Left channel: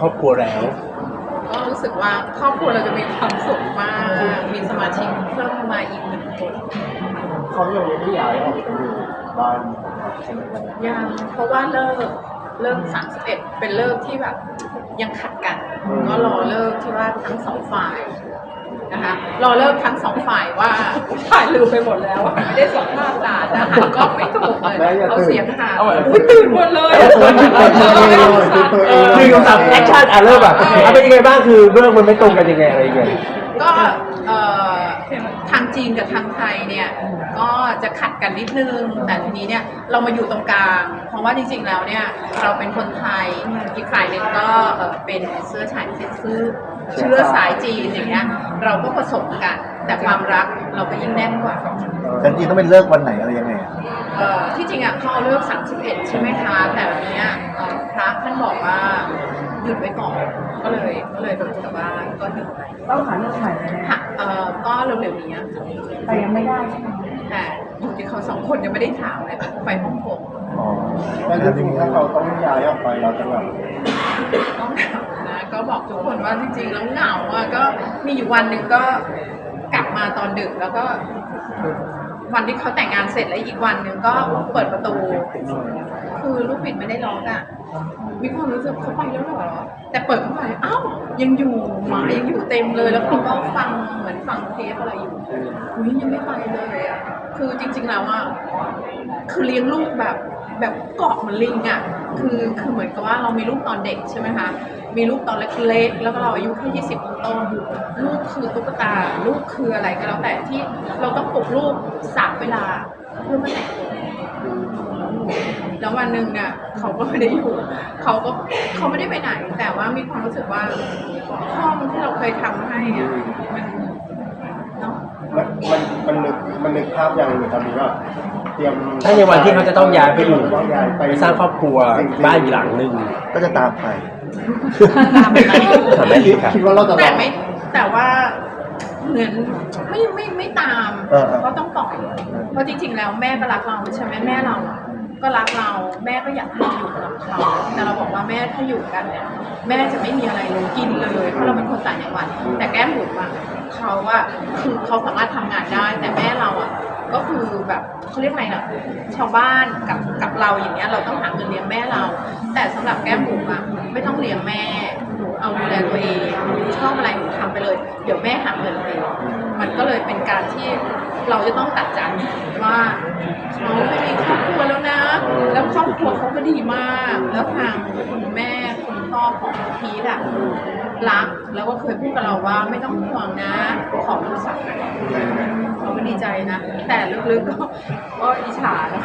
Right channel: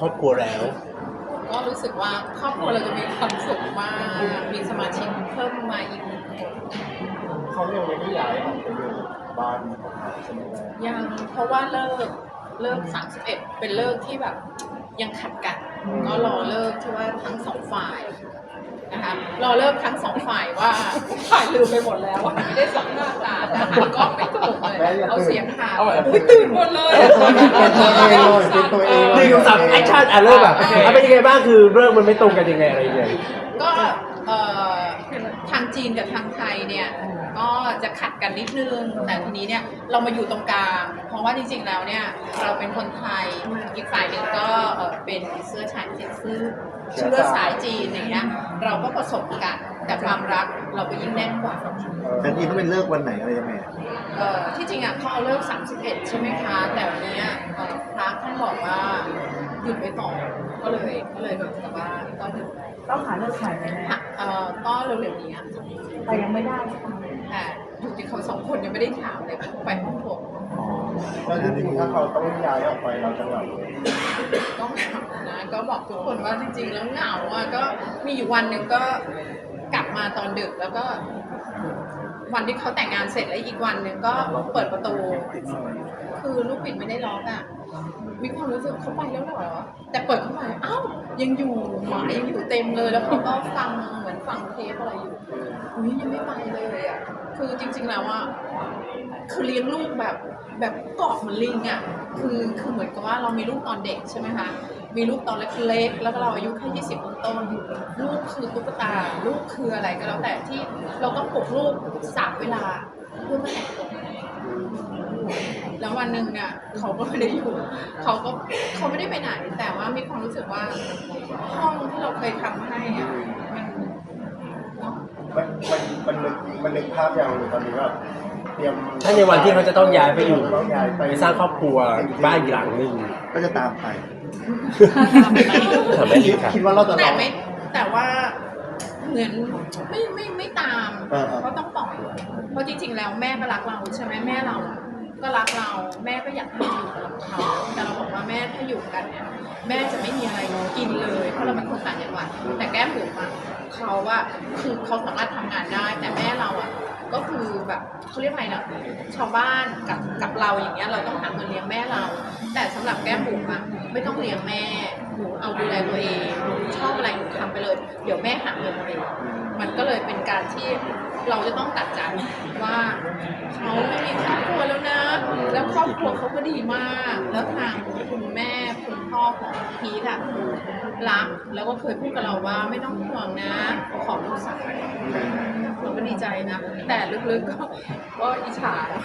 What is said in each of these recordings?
ครอบครัวแล้ว ก็รู้สึกว่าครอบครัวเราจะมีความสุขมาก มีสมาชิกเพิ่มมาอีกหนึ่งคนเขายังไม่ได้ย้ายออกไปอยู่บ้านใช่ไหมครับยังเพราะว่าเลิกเลิก31เป็นเลิกที่แบบยังขัดกัน ก็รอเลิกที่ว่าทั้งสองฝ่าย นะคะรอเลิกทั้งสองฝ่ายว่าฝ่ายลืมไปหมดแล้วไม่ได้สัมภาษณ์ด่านะหาก็ไม่ถูกเลยเอาเสียงหาไม่ตื่นหมดเลยอะตื่นหมดเลยอะสั่นเออคือคำสั่งแอคชั่นอะเริ่มแบบอะเป็นยังไงบ้างคือเรื่องมันไม่ตรงกันยังไงอะไรยังไงก็เอ่อทางจีนกับทางไทยเนี่ยก็จะขัดกันนิดนึง แต่ทีนี้เนี่ยเรามาอยู่ตรงกลาง เพราะว่าจริงๆแล้วเนี่ยเราเป็นคนไทยอีกฝ่ายหนึ่งก็เอ่อเป็นเสื้อชายเสื้อ เชื้อสายจีนอย่างเงี้ยเราก็ผสมกัน แต่ความรักเราก็ยิ่งแน่นกว่า แต่จริงต้องเป็นเลิกวันไหนอะไรยังไงอะเอ่อที่จริงอะเขาเอาเลิก31 ใช่ไหมคะ แต่วันเนี้ยเอ่อพระท่านบอกว่าหยุดไว้ก่อนก็เลยก็เลยเหมือนกับว่าก็หยุดไว้ต้องหาเลือกใหม่แน่ค่ะเอ่อก็เร็วๆนี้อะค่ะๆแต่ยังไม่ได้ใช่ไหมแต่อยู่ที่เขาสองคนยังไม่ได้ถามเลยไปฮ่องกงอ๋อแล้วจริงๆถ้าเขาต้องย้ายออกไปเราจะแบบ ก็เหงานะก็บอกทุกคนว่าจริงๆแล้วเหงาอะก็มีอยู่วันหนึ่งก็กลับมาตอนดึกแล้วก็ วันที่เขาแต่งงานเสร็จแล้วอีกวันหนึ่งก็เปิดประตู คือลูกบิดไม่ได้ล็อกอะมีความรู้สึกเขาไปแล้วเหรอแต่เปิดเข้าไปอ้าวยังอยู่หมายังอยู่เต็มเลยแล้วเขาก็ฟังเหมือนฟังเทปอะไรอยู่อุ้ยยังไม่ไปเลยอะ คือจริงๆแล้วอะคือเลี้ยงลูกแบบแบบเกาะเหมือนลิงอะคือคือเหมือนกับว่าเรามีลูกตอนเด็กใช่ไหมคะมีลูกตอนเล็กๆแล้วก็เราอายุแค่ยี่สิบต้นลูกคือตุ๊กตาลูกคืออะไรก็แล้วแต่ที่เราต้องปลุกลูกสามเวลาเพื่อมาแต่งแล้ววันหนึ่งเนี่ยเขาก็ไม่ได้อยู่เขาก็เขาไม่ได้ไปไหน แต่ว่ามีความรู้สึกว่าห้องที่เราเคยทำให้อะมัน มันมันมันนึกมันนึกภาพอย่างตอนนี้ว่าเตรียมถ้าในวันที่เขาจะต้องย้ายไปอยู่ต้องย้ายไปไปสร้างครอบครัวบ้านอีกหลังหนึ่งก็จะตามไปถามแม่คิดีดค่ะ คิดว่าเราจะแต่ไม่แต่ว่าเหมือนไม่ไม่ไม่ตามเออเออ ก็ต้องปล่อยเพราะจริง ๆ แล้วแม่ก็รักเราใช่ไหมแม่เราก็รักเราแม่ก็อยากให้เราอยู่กับเขาแต่เราบอกว่าแม่ถ้าอยู่กันเนี่ยแม่จะไม่มีอะไรกินเลยเพราะเราเป็นคนต่างจังหวัดแต่แก้มบุ๋มอะ เขาอะคือเขาสามารถทำงานได้ แต่แม่เราอะก็คือแบบเขาเรียกอะไรนะชาวบ้านกับกับเราอย่างเงี้ยเราต้องหาเงินเลี้ยงแม่เรา แต่สำหรับแก้มบุ๋มอะไม่ต้องเลี้ยงแม่ เอาดูแลตัวเองชอบอะไรทำไปเลย เดี๋ยวแม่หาเงินเองมันก็เลยเป็นการที่เราจะต้องตัดใจว่าเขาไม่มีครอบครัวแล้วนะ แล้วครอบครัวเขาก็ดีมาก แล้วทางคุณแม่คุณพ่อของพีทอะ รักแล้วก็เคยพูดกับเราว่าไม่ต้องห่วงนะขอลูกสาวเราก็ดีใจนะ แต่ลึกๆก็ก็อิจฉานะ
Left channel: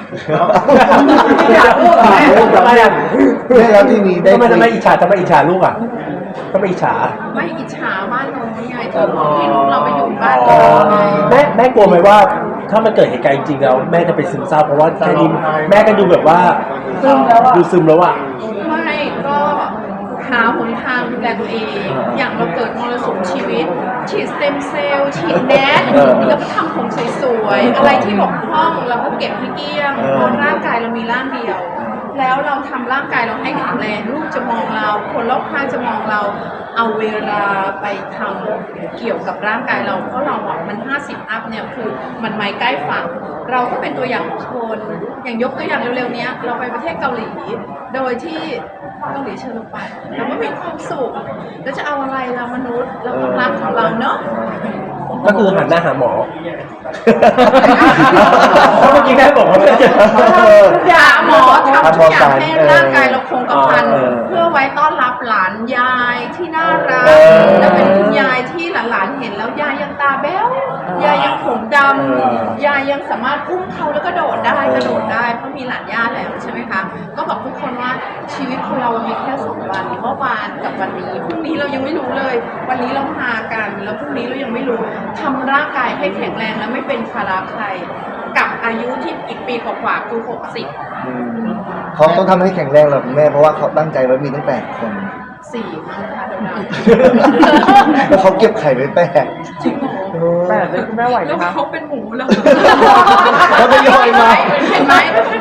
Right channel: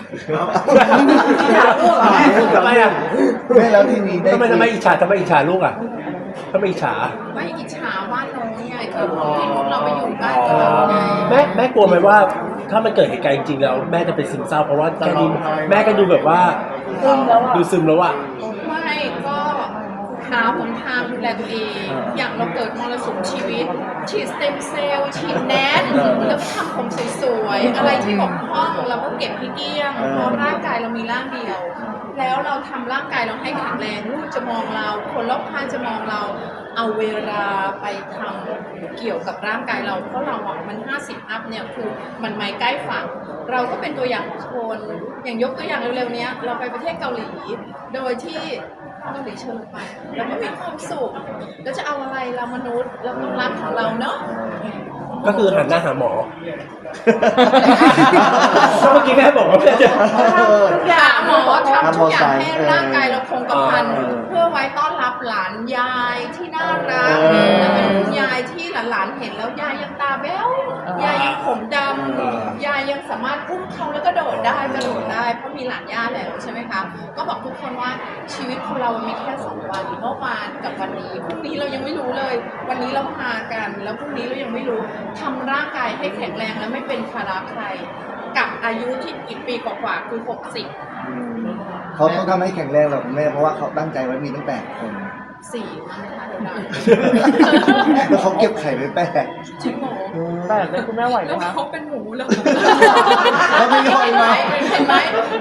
ทำไมอะแม่แล้วที่นี้ได้ทำไมคุทำไมยอิจฉาทำไมอิจฉาลูกอะทำไมอิจฉาไม่อิจฉาบ้านโน้นไงที่ที่ลูกเราไปอยู่บ้านโน้นไงแม่แม่กลัวไหมว่าถ้ามันเกิดเหตุการณ์จริงๆแล้วแม่จะเป็นซึมเศร้าเพราะว่าแค่นี้แม่ก็ดูแบบว่าซึมแล้วอะดูซึมแล้วอะไม่ก็ หาหนทางดูแลตัวเอง อย่างเราเกิดมรสุมชีวิต ฉีดสเต็มเซลล์ฉีดแดนแล้วก็ทำผมสวยๆ อะไรที่บกพร่องเราก็เก็บให้เกลี้ยงเพราะร่างกายเรามีร่างเดียว แล้วเราทำร่างกายเราให้แข็งแรงลูกจะมองเรา คนรอบข้างจะมองเรา เอาเวลาไปทำเกี่ยวกับร่างกายเราเพราะเราบอะมัน 50 อัพเนี่ยคือมันไม่ใกล้ฝั่งเราก็เป็นตัวอย่างคนอย่างยกตัวอย่างเร็วๆเนี้ยเราไปประเทศเกาหลี โดยที่เกาหลีเชิญเราไปเราก็มีความสุขแล้วจะเอาอะไรเรามนุษย์เราต้องรักของเราเนาะ ก็คือหันหน้าหาหมอ เพราะเมื่อกี้แม่บอกว่าแม่จะอย่าหมอทำทุกอย่างให้เออร่างกายเราคงกระพันเออเพื่อไว้ต้อนรับหลานยายที่น่ารักเออแล้วเป็นคุณยายที่ หลานๆเห็นแล้วยายยังตาแบ๊วยายยังผมดเออำยายยังสามารถอุ้มเขาแล้วก็โดดได้กระโดดได้เพราะมีหลานย่าแล้วใช่ไหมคะก็บอกทุกคนว่าชีวิตของเรามีแค่สองวันเมื่อวานกับวันนี้พรุ่งนี้เรายังไม่รู้เลย วันนี้เราหากันแล้วพรุ่งนี้เรายังไม่รู้ทำร่างกายให้แข็งแรงและไม่เป็นภาระใครกับอายุที่อีกปีกว่าๆคือ60อืมเขาต้องทำให้แข็งแรงเหรอคุณแม่เพราะว่าเขาตั้งใจไว้มีตั้งแปดคน สี่มั้งคะแล้วเขาเก็บไข่ไว้แปดจริงเหรอแต่เป็นคุณแม่ไหวไหมแล้วคะ เขาเป็นหมูแล้วเขาทยอยมา เห็นไหม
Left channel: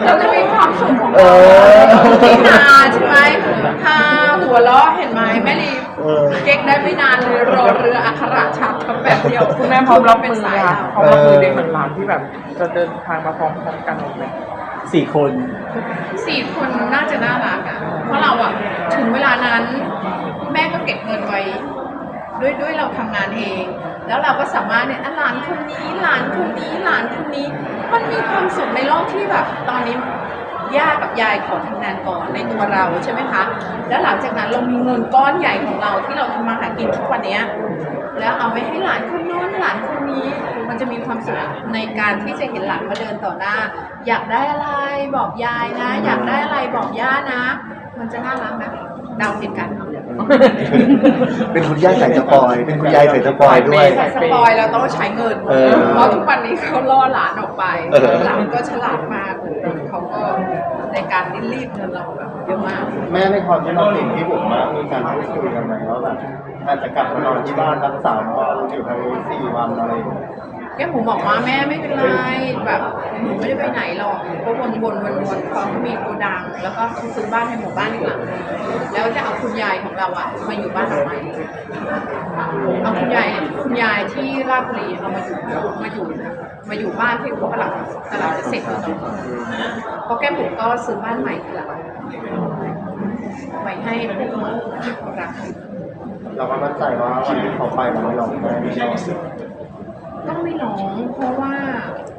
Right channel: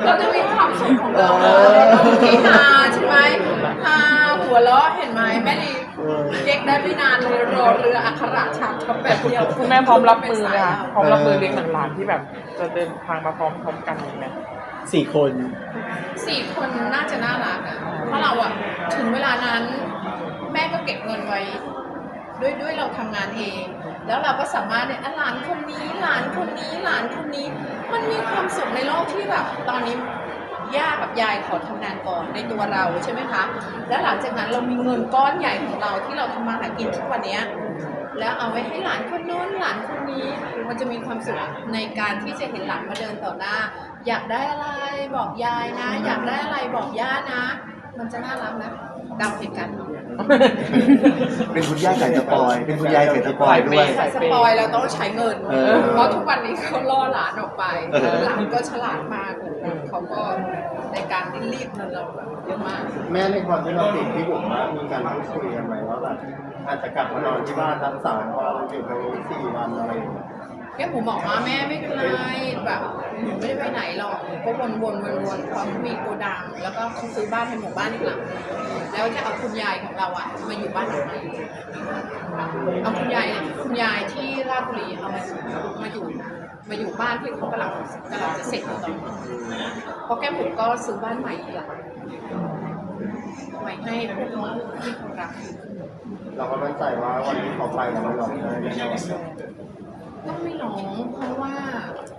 เราจะมีความสุขของเอเราอที่นาใช่ไหมพาหัวเราอะเห็นไหมแม่ลีเออ เก๊กได้ไม่นานเลยรอเรืออักขระฉาบทำแบบเดียวคุณแม่พร้อมรับมือเป็นไหมสายคะอะพร้อมรับมือในสถานที่แบบจะเดินทางมาพร้อมๆกันไหม สี่คน สี่คนน่าจะน่ารักอะ เพราะเราอะถึงเวลานั้น แม่ก็เก็บเงินไว้ ด้วยด้วยเราทำงานเอง แล้วเราก็สามารถเนี่ยอะหลานคนนี้หลานคนนี้หลานคนนี้ มันมีความสุขในโลกที่แบบ ตอนนี้ย่ากับยายขอทำงานก่อนในตัวเราใช่ไหมคะ แล้วหลังจากนั้นเรามีเงินก้อนใหญ่ของเราที่เราทำมาหากินทุกวันเนี้ยแล้วเอาไว้ให้หลานคนโน้นหลานคนนี้ มันจะมีความสุขในการที่จะเห็นหลานมาเดินต่อหน้า อยากได้อะไรบอกยายนะ อยากได้อะไรบอกย่านะ มันจะน่ารักนะเดาผิดกันเป็นคุณย่าใส่สปอย เป็นคุณยายใส่สปอยด้วยสปอยแล้วต้องใช้เงินเออ เพราะทุกวันนี้เขาล่อหลานออกไปเออหลานก็ฉลาดมากเขาก็ในการรีดเงินเราแบบเยอะมาก แม่ในความที่เราติดที่ผมมามีการพูดคุยกันไหมว่าแบบอาจจะกลับมานอนที่บ้านทั้งสามวันอยู่ทางนู้นสี่วันอะไรอย่างเงี้ย แก้มผมบอกว่าแม่ไม่เป็นไรแบบหนูไม่ได้ไปไหนหรอกก็วนวนวนวนพอเขามีโกดัง แล้วก็ซื้อบ้านในหมู่บ้านอีกหลังแล้วจะเอาคุณยายของเราอะมาอยู่บ้านหลังใหม่เอาคุณยายคุณยายที่ราชบุรีเอามาอยู่มาอยู่มาอยู่บ้านที่เขากำลังกำลังจะเสร็จแล้วเนาะเพราะแก้มผมก็ซื้อบ้านใหม่อีกหลังไว้ให้ผู้รักเราก็มั่นใจว่าวันที่เขาไปเราไม่รองไห้แน่นอนต้อ งไม่ร้องเพราะว่า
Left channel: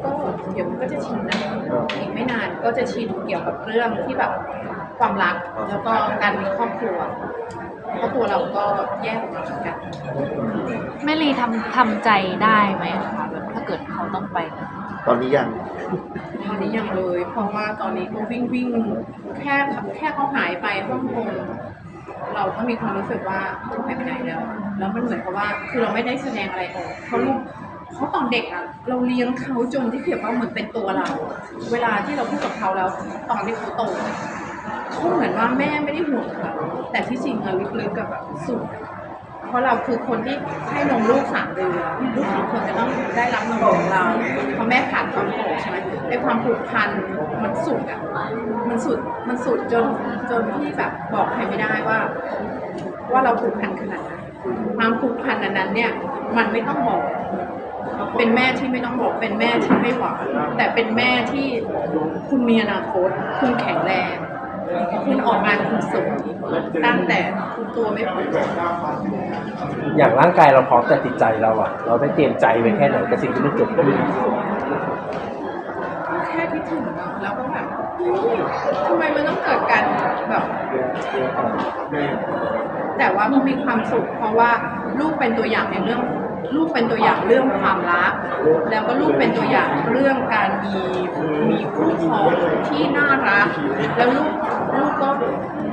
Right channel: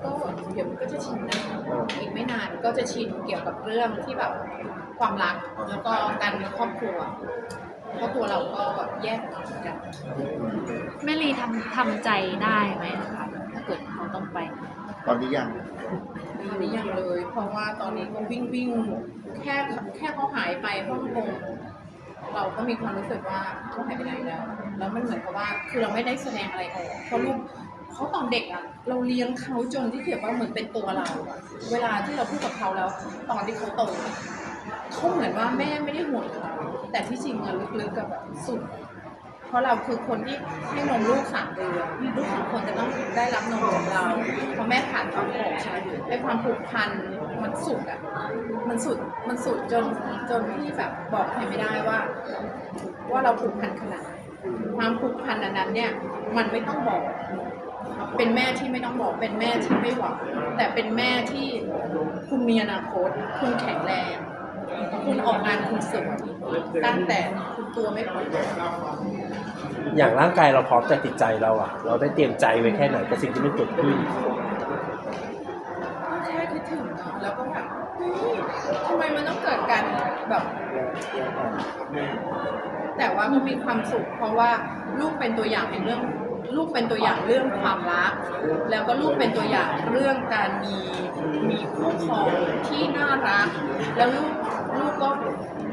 ก็เดี๋ยวมันก็จะชินนะอีกไม่นานก็จะชินเกี่ยวกับเรื่องที่แบบความรักแล้วก็การมีครอบครัวเพราะตัวเราก็แยกออกมาเหมือนกันแม่ลีทำทำใจได้ไหมคะแบบถ้าเกิดเขาต้องไปตอนนี้ยังตอนนี้ยังเลย เพราะว่าตอนนี้ก็วิ่งวิ่งแค่แค่เขาหายไปฮ่องกงเราก็มีความรู้สึกว่าเขาหายไปไหนแล้ว แล้วมันเหมือนกับว่าคือเราไม่ได้แสดงอะไรออกเขาลูก เขาตอนเด็กอะเราเลี้ยงเขาจนที่เขียนว่าเหมือนเป็นตัวเรา เวลาที่เราพูดกับเขาแล้ว ตอนที่เขาโตเนี่ยเขาเหมือนว่าแม่ไม่ได้ห่วงเขาแต่ที่จริงอะลึกๆกับแบบสุด เพราะเราคือคนที่ให้นมลูกสามเดือนเราควรจะต้องได้รับนมของเราเพราะแม่ขาดความผูกใช่ไหมไอ้ความผูกพันมันสุดอะมันสุดมันสุดจนจนที่แบบบอกใครไม่ได้ว่า ว่าเราผูกพันขนาดไหนความผูกพันอันนั้นเนี่ย มันไม่ต้องบอก เป็นแม่ที่ไม่ต้องบอกเป็นแม่ที่ไม่หวังแต่เป็นแม่ที่คุณมีอนาคต คุณแข็งแรง คุณออกงานคุณสวยตั้งแต่คุณตัวไม่พออย่างร่างกายเราพร้อมแต่ติดใจเราอะเราได้เตรียมใจไว้แค่ไหนกับสิ่งที่มันเกิดขึ้นแค่คิดถึงเนาะแล้วก็แบบเฮ้ยทำไมมันต้องเกิดการแบบแต่ว่าก็มีความสุขเพราะว่าลูกเป็นตัวอย่างในเรื่อง ลูกเป็นตัวอย่างเรื่องความรัก แล้วก็ลูกเป็นตัวอย่างเรื่องการมีมีคู่ครองที่น่ารัก แล้วลูกลูกก็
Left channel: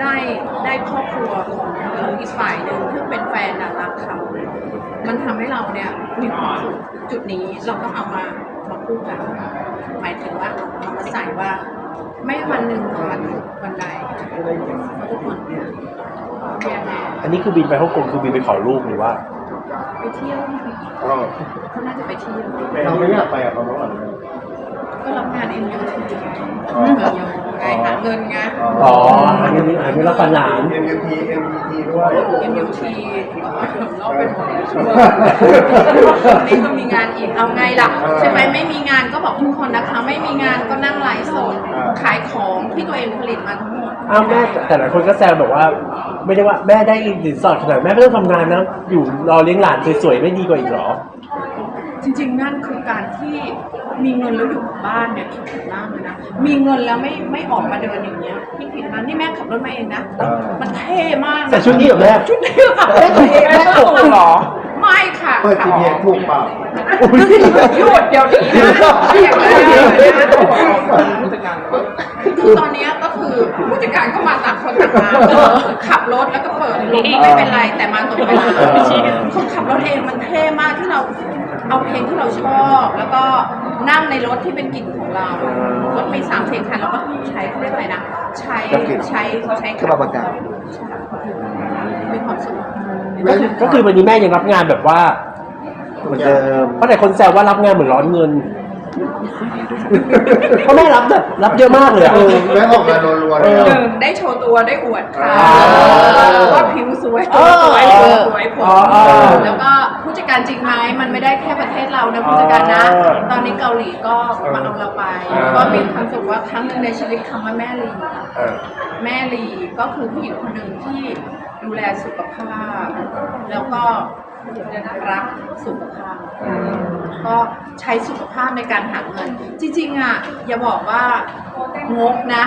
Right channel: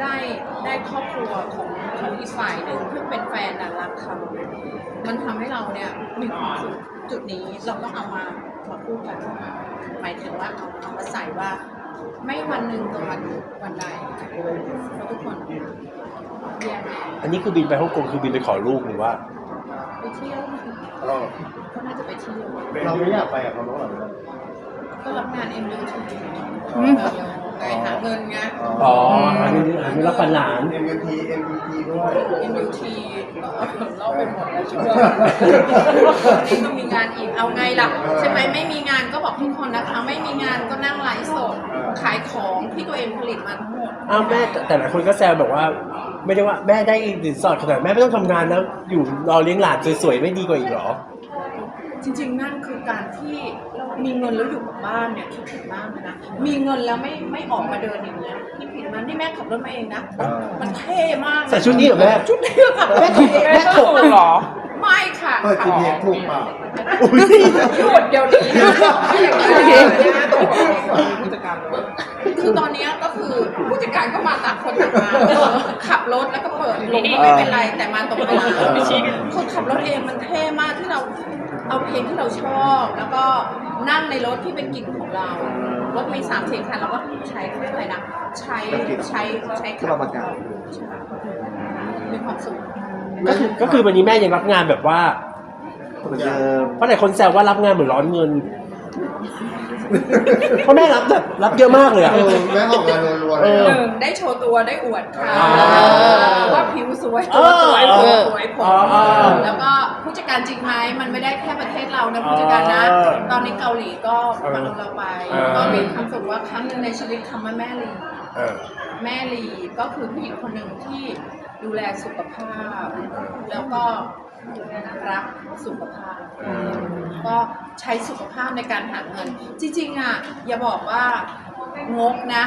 ได้ได้ครอบครัวของของอีกฝ่ายหนึ่งที่เป็นแฟนน่ะรักเขามันทำให้เราเนี่ยมีความสุขจุดนี้เราต้องเอามามาคู่กันหมายถึงว่าเอามาใส่ว่าไม่วันหนึ่งกับวันวันใดเพราะทุกคนแย่แน่อันนี้คือบินไปฮ่องกงคือบินไปขอลูกหรือว่า ไปเที่ยวอ๋อเขาน่าจะไปเที่ยวเราไม่อยากไปกับเขาเมื่อก่อนเลยก็รับงาน MUT อ๋อไงหาเงินไงอ๋ออันนี้อันนี้เราปันหลานเอ็มยูทีเอ็มยูทีด้วย MUT รอบเป็นหมดเลยชั่วโมงวันนี้ก็มีงานอีกเอาไงล่ะใช่ไหมไม่มีงานก็บอกทุกคนนะคะ ไม่มีงานก็นั่งไลฟ์สดขายของที่ตัวเองผลิตมาทั้งหมด อ้าวแม่แต่แต่หลายคนก็แซวบอกว่า ไม่ได้ว่าแม่ได้สินสอดขนาดแม่ไม่ต้องทำงานนะอยู่รอเลี้ยงหลานสวยๆไม่ดีกว่าอีกเหรอ จริงๆ นั่นคือการที่มีเงินแล้วอยู่กับบ้านเนี่ยคิดผิดมากเลยนะ มีเงินแล้วไม่ไม่ออกมาเดินอย่างเงี้ยคิดผิดมากที่แม่ขับรถมาเองนะเออมันเท่มากะใส่ชุดนี้เหรอแม่ ชุดนี้ค่ะแม่ถูกแม่ถูกเหรอ ไม่ค่ะเปิดขับทีเทถูกเปล่า หยุดเดี๋ยวนี้นะไม่อย่างนี้นะ คือตอนเนี้ยก็ คือผู้จัดการก็มาต่างคนต่างมาขับรถแล้วก็เปิดลมก็ไม่เป็นไรแต่มาตรงเวลาเออคือขับรถเองมันเท่มากที่เราเอาเพลงที่เราชอบ แล้วก็นั่งในรถที่เป็นกลิ่นของเรารถมีสามสี่คันเราก็ใช้เรียกอะไรนะใช้แบบกลิ่นใช้ใช้เครื่องปรับอากาศใช่มีความสุขก็คือก็คือวันนี้แม่ยังรับงานแบบว่า เหมือนเดิมเพราะหลายคนแซวว่ารับงานเหมือนร้อนเงินเพราะแม่รับแบบรับเยอะมากเลยอะ เออแม่ออกงานรัวๆเลยหอะนึ่งได้โชว์ตัวได้อวดค่ะอ่าว่าผิวสวยเออสวยสวยผเออเออมแล้วก็ผู้จัดการจริงไหมมันไม่ได้แค่ประเทศเรานะผู้จัดการนะ เออตอนนี้เกาหลีก็มาเอาเราไป เออ ก็มีความสุขว่าครั้งหนึ่งในชีวิตคำว่าแม่ลีเออ แม่ลีก็คือผู้หญิงคนหนึ่งที่ดูแลสุขภาพ แล้วก็ รักสุขภาพก็ใช้สุขภาพในการหาเงิน จริงๆอะอย่าบอกว่างกนะ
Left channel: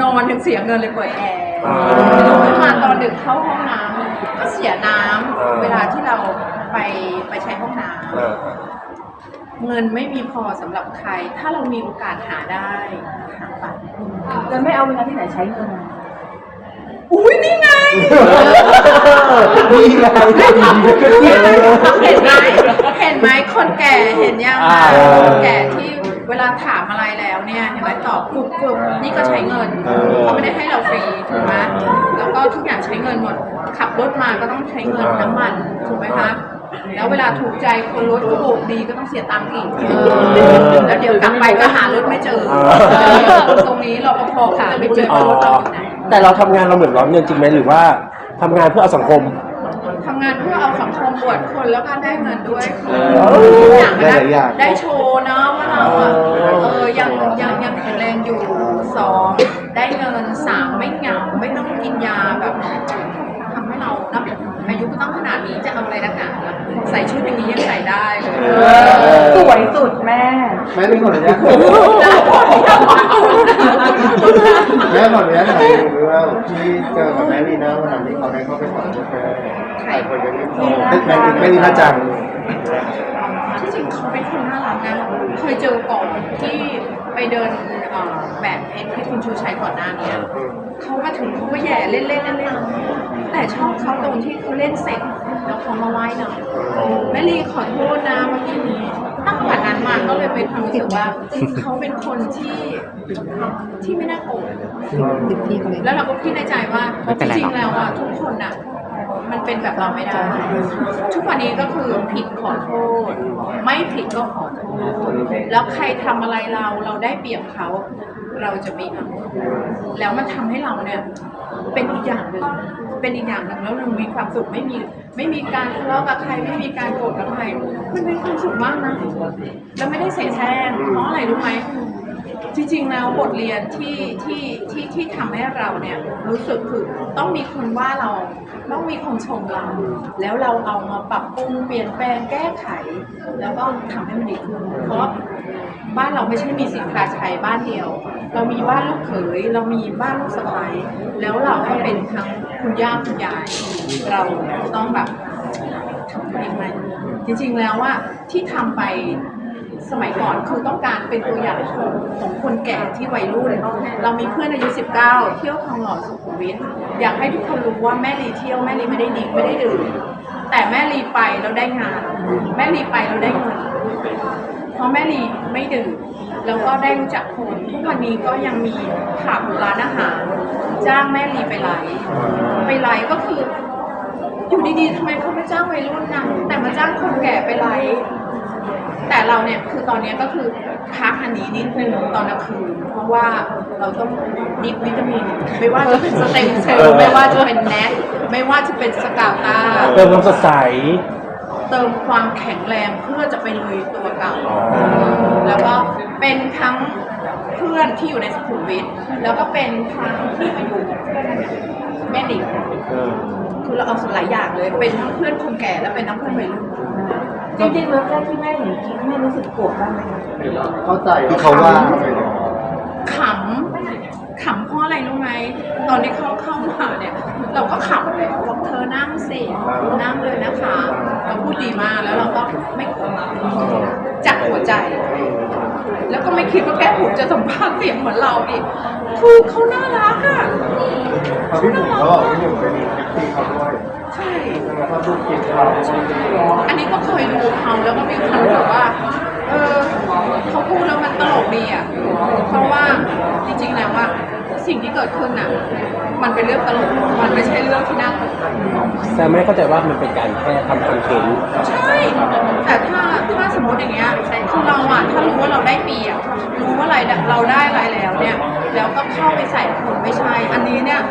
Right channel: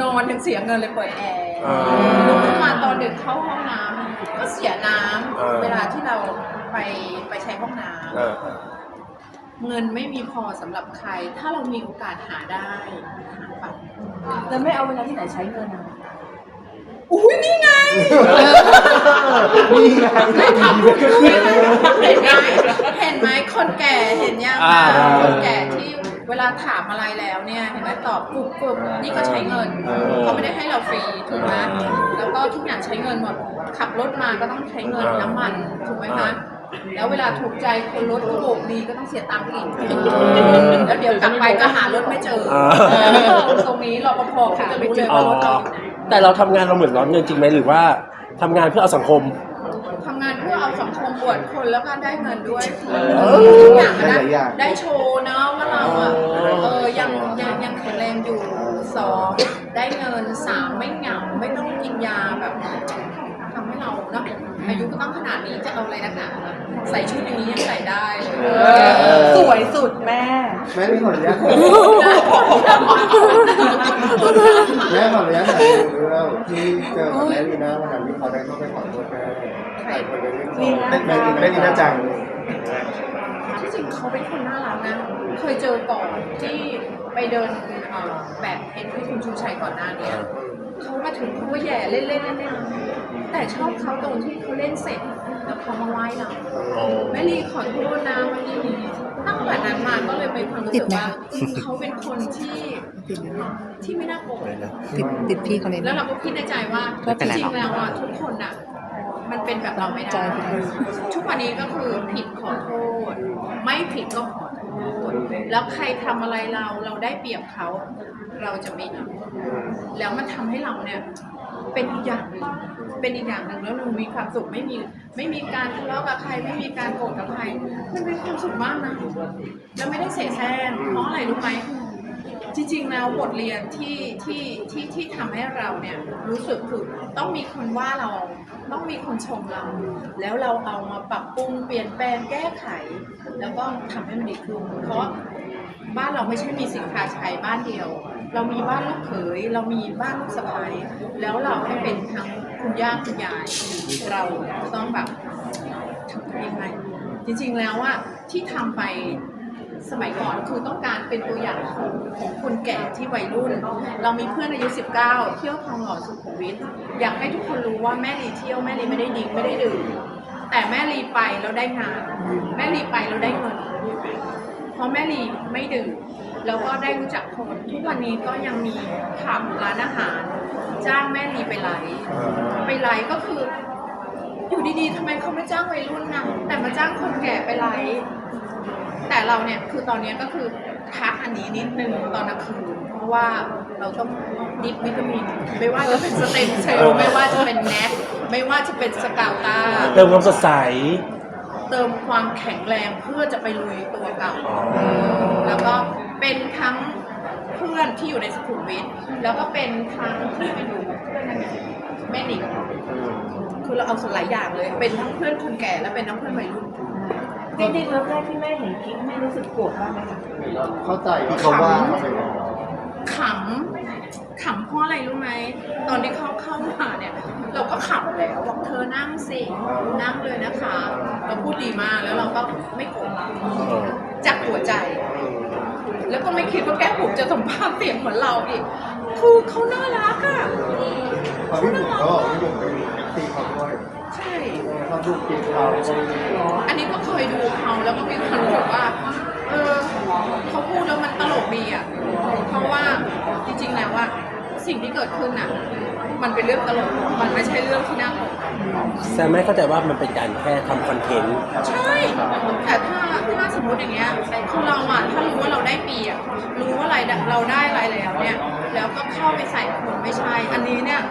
นอนยังเสียเงินเลยเปิดแอร์อ่าลุกขึ้นมาตอนดึกเข้าห้องน้ำก็เสียน้อ่าำเวลาที่เราไปไปใช้ห้องน้เออเออำเงินไม่มีพอสำหรับใคร ถ้าเรามีโอกาสหาได้หาไปแล้วไม่เอาเวลาที่ไหนใช้เงิน อะอุ้ยนี่ไงนี่ไงเห็นไหมเห็นไหมคนแก่เห็นยังอ่าคนแก่ที่เวลาถามอะไรแล้วเนี่ยเห็นไหมตอบกรุบกรุบนี่ก็ใช้เงินเออเขาไม่ได้ให้เราฟรีถูกไหมแล้วก็ทุกอย่างใช้เงินหมด ขับรถมาก็ต้องใช้เงินน้ำมันถูกไหมคะแล้วเวลาถูกใจคนรถก็โบกดีก็ต้องเสียตังค์อีกแล้วเดี๋ยวกลับไปก็หารถไม่เจออ่าเออตรงนี้รปภก็จะไม่เจออ๋อรถเราอยู่ไหน แต่เราทำงานเราเหมือนร้อนเงินจริงไหมหรือว่าทำงานเพื่อเอาสังคม ทำงานเพื่อเอาสังคมบวชคนแล้วก็ได้เงินด้วยอทุกอย่างได้หลายอย่าง ได้โชว์นะว่าเราอะเออยังยังยังแข็งแรงอยู่สองได้เงินสามไม่เหงาไม่ต้องกินยาแบบทำให้เราเนาะอายุก็ต้องขนาดนี้จะเอาอะไรนักหนาล่ะใส่ชุดอย่างนี้ยังใส่ได้เลย สวยสุดแม่ แม่ไม่ขออนุญาต แม่ขออนุญาตถามหนูว่าที่เจอกับแม่ลีน่าวันนั้นที่เขาได้เข้าไปขอโทษแม่หลายคนยังไม่พอแม่แม่ลีน่าจังจริงเขาเป็นคนน่ารักนะเคยเจอก่อนที่ไปเดินเอ่อแบบเพชรที่คุณชูชัยก่อนหน้าเนี้เขามาถึงเขาก็แย่เล่นๆเล่นเล่นแต่ชอบเขาตรงที่เขาเล่นเสร็จแล้วเขามาไหว้เราแม่ลีขอโทษนะเมื่อกี้นี้ตั้งแต่นั้นมาก็เลยเป็นความรู้สึกว่าเขาเป็นคนที่ ที่ไม่น่าโกรธติดพี่เขาเลยแล้วเราก็คิดในใจว่าจริงๆแล้วอะทุกคนอะมันเป็นแบบเราไม่ได้ ทุกวันนี้ก็คือผิดขอโทษ ไม่ผิดก็ขอโทษ แล้วใครทำอะไรเราเราได้เปรียบเขาเราจะไม่เอาแล้วมันทำให้เราเนี่ยเป็นอีกอย่างหนึ่งเป็นอีกอย่างหนึ่งแล้วมันมีความสุขไม่มีไม่มีการทะเลาะกับใครไม่มีการโกรธกับใครมันเป็นความสุขมากนะแล้วไม่ได้เสแสร้งเพราะอะไรรู้ไหม จริงๆแล้วบทเรียนที่ที่ที่ที่ทำให้เราเนี่ยรู้สึกคือต้องมีคนว่าเราต้องมีคนชมเรา แล้วเราเอามาปรับปรุงเปลี่ยนแปลงแก้ไข แล้วก็ทำให้มันดีขึ้นเพราะบ้านเราไม่ใช่มีสินค้าใช้บ้านเดียว เรามีบ้านลูกเขยเรามีบ้านลูกสะใภ้แล้วเราก็เป็นทั้งคุณย่าคุณยายเราต้องแบบทำยังไงจริงๆแล้วว่าที่ทำไป สมัยก่อนคือต้องการเป็นตัวอย่างของของคนแก่ที่วัยรุ่น เรามีเพื่อนอายุ 19 เที่ยวทองหล่อสุขุมวิทอยากให้ทุกคนรู้ว่าแม่ลีเที่ยวแม่ลีไม่ได้ดิ้งไม่ได้ดื่มแต่แม่ลีไปแล้วได้งาน แม่ลีไปแล้วได้เงินเพราะแม่ลีไม่ดื่มแล้วก็ได้รู้จักคนทุกวันนี้ก็ยังมีผับร้านอาหารจ้างแม่ลีไปไลฟ์ไปไลฟ์ก็คือ อยู่ดีๆทำไมเขาไม่จ้างวัยรุ่นนะแต่มาจ้างคนแก่ไปไลฟ์ แต่เราเนี่ยคือตอนเนี้ยก็คือพักอันนี้นิดนึงตอนกลางคืนเพราะว่าเราต้องดิบวิตามิน ไม่ว่าจะเป็นสเต็มเซลล์ไม่ว่าจะเป็นแนทไม่ว่าจะเป็นสกาวตาเติมความสดใส เติมความแข็งแรงเพื่อจะไปลุยตัวเก่าอ๋อแล้วก็เป็นทั้งเพื่อนที่อยู่ในสุขุมวิทแล้วก็เป็นทั้งที่มาอยู่แม่ดิกคือเราเอาหลายอย่างเลย เป็นทั้งเพื่อนคนแก่และเป็นทั้งเพื่อนวัยรุ่น จริงๆเมื่อแรกที่แม่เห็นคลิปแม่รู้สึกโกรธบ้างไหมคะเข้าใจที่เขาว่า ขำขำเพราะอะไรรู้ไหม ตอนที่เขาเข้ามาเนี่ย เราก็ขำเลยบอกเธอนั่งสินั่งเลยนะคะเราพูดดีมากแล้วเราก็ไม่โกรธจากหัวใจ แล้วก็ไม่คิดว่าแก้มผมจะสัมภาษณ์เสียงเหมือนเราดิคือเขาน่ารักอะเขาพี่หนุ่มก็พี่หนุ่มเป็ อันนี้ก็เคยดูเขาแล้วก็มีความรู้สึกว่าเออเขาพูดแล้วมันตลกดีอะ เพราะว่าจริงๆแล้วว่าสิ่งที่เกิดขึ้นอะ มันเป็นเรื่องตลก มันไม่ใช่เรื่องที่น่ากลัวแซแต่ไม่เข้าใจว่ามันเป็นการแค่ทำคอนเทนต์ใช่ แต่ถ้าถ้าสมมติอย่างเงี้ยคือเราอะถ้ารู้ว่าเราได้เปรียบรู้ว่าอะไรเราได้อะไรแล้วเนี่ย แล้วก็เข้าไปใส่คนไม่ใช่ อันนี้เนี่ย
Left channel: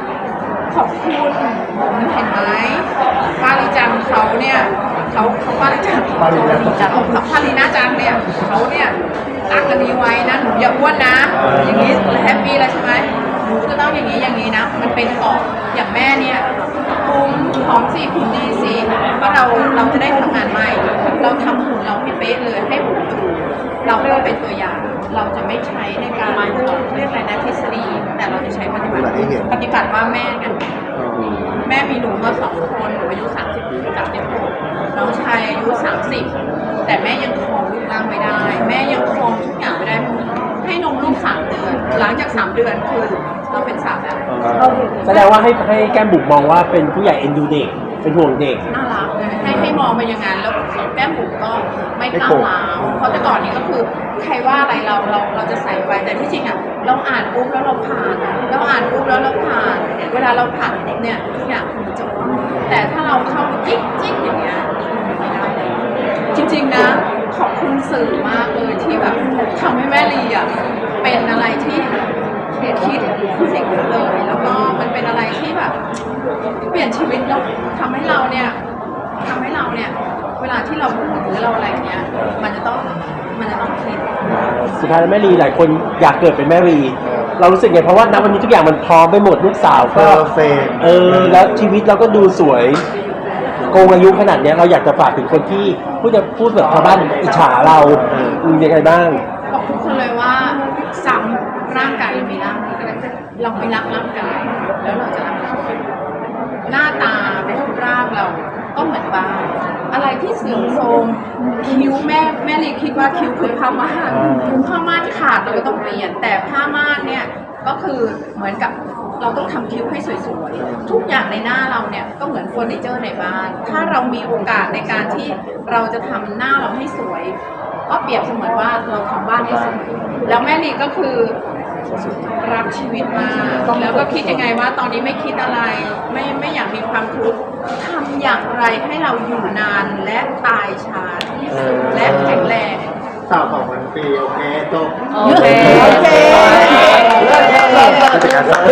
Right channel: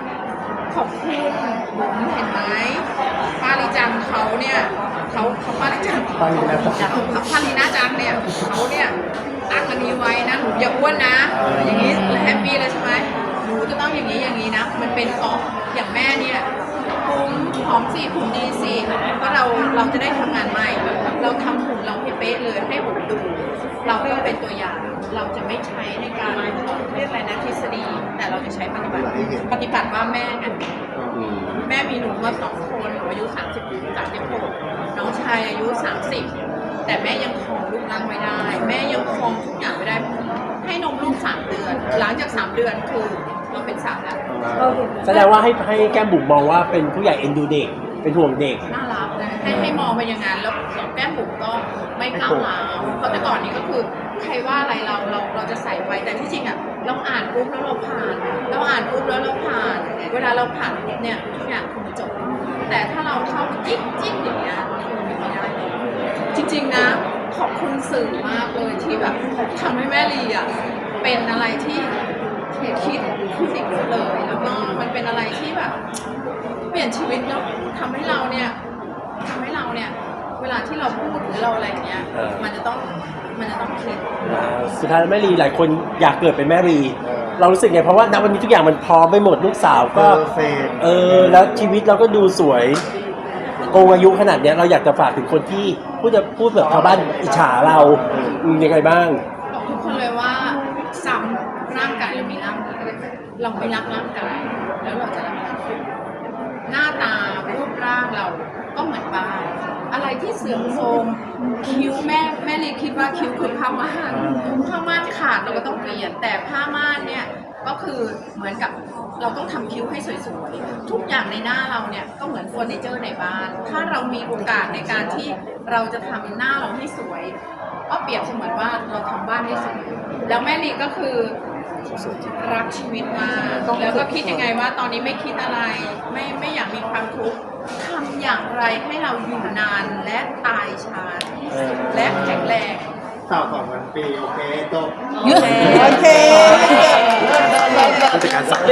ขอบคุณเห็นไหม ปาริจังเขาเนี่ยเขาเขาปาริจังปาริจังเขาเขาปารินาจังเนี่ยเขาเนี่ยตั้งอันนี้ไว้นะหนูอย่าอ้วนนะอย่างนี้แฮปปี้แล้วใช่ไหมหนูจะต้องอย่างนี้อย่างนี้นะ มันเป็นอออย่างแม่เนี่ยคุมหอมสิคุมดีสิเพราะเราเราจะได้ทำงานใหม่ เราทำหุ่นเราให้เป๊ะเลยให้หุ่นถูกเราก็เป็นตัวอย่าง เราจะไม่ใช้ในการเรียกอะไรนะทฤษฎีแต่เราจะใช้ปฏิบัติปฏิบัติให้เห็นปฏิบัติว่าแม่กัน แม่มีหนูมาสองคนหนูอายุสามสิบสามสิบหกน้องชายอายุสามสิบแต่แม่ยังครองรูปร่างไม่ได้ แม่ยังครองทุกอย่างไม่ได้ ให้นมลูกสามเดือน หลังจากสามเดือนคือเราเป็นสาวแล้วแสดงว่าให้ให้แก้มบุ๋มมองว่าเป็นผู้ใหญ่เอ็นดูเด็ก เป็นห่วงเด็ก น่ารักเลยให้ให้มองไปอย่างนั้นแล้วแม่ผมก็ไม่กล้าว้าวเพราะแต่ก่อนนี้ก็คือ ใครว่าอะไรเราเราเราจะใส่ไปแต่ที่จริงอะเราอ่านปุ๊บแล้วเราผ่าน เราอ่านปุ๊บแล้วเราผ่านเวลาเราผ่านปุ๊บเนี่ยทุกอย่างคือจบแต่ถ้าเราเข้าไปจิ๊กจิ๊กอย่างเงี้ยไม่ได้เลยจริง ๆนะขอบคุณสื่อมากเลยที่แบบทำให้แม่ลีอะเป็นอะไรที่คิดขึ้นอีกเลยแล้วก็มันเป็นอะไรที่แบบ เปลี่ยนชีวิตแล้วทำให้เราเนี่ยทำให้เราเนี่ย เวลาที่เราพูดหรือเราอะไรเงี้ย มันจะต้องมันจะต้องคิด สุดท้ายแม่ลีหลายคนอยากเกิดเป็นแม่ลีเรารู้สึกไงเพราะว่าณวันนี้ทุกอย่างมันพร้อมไปหมดลูกสาวเพก็อร์เฟกเออแล้วชีวิตเราก็ดูสวยโกงอายุขนาดเนี้ยเราอยากจะฝากถึงคนที่พูดจะพูดแบบชาวบ้านอิจฉาเรามึงยังไงบ้าง บอกทุกคนเลยว่าซ้ำร่างกายเรามีร่างกายเราไม่รักร่างกายแล้วเราจะรักร่างกายหน้าตาเป็นรูปร่างเราก็เหมือนบ้าน อะไรที่เสื่อมโทรมคิ้วแม่แม่ลีคิดว่าคิ้วคือผ้าม่านผ้าม่านขาดเราก็ต้องเปลี่ยน แต่ผ้าม่านเนี่ยก็คือเหมือนกับเราต้องทำคิ้วให้สวยๆ ทุกอย่างในหน้าเราเนี่ยก็เหมือนเฟอร์นิเจอร์ในบ้าน ถ้าเรามีโอกาสในการที่เราจะทำหน้าเราให้สวย ก็เปรียบเสมือนว่าเราทำบ้านให้สวยแล้วแม่ลีก็คือรักชีวิตมากแล้วก็คิดยังไงว่าตอนนี้ไม่คิดอะไร ไม่ไม่อยากมีความทุกข์ ทำอย่างไรให้เราอยู่นานและตายช้าที่สุดและแข็งแรงสาวสองพันปีโอเคจบโอเค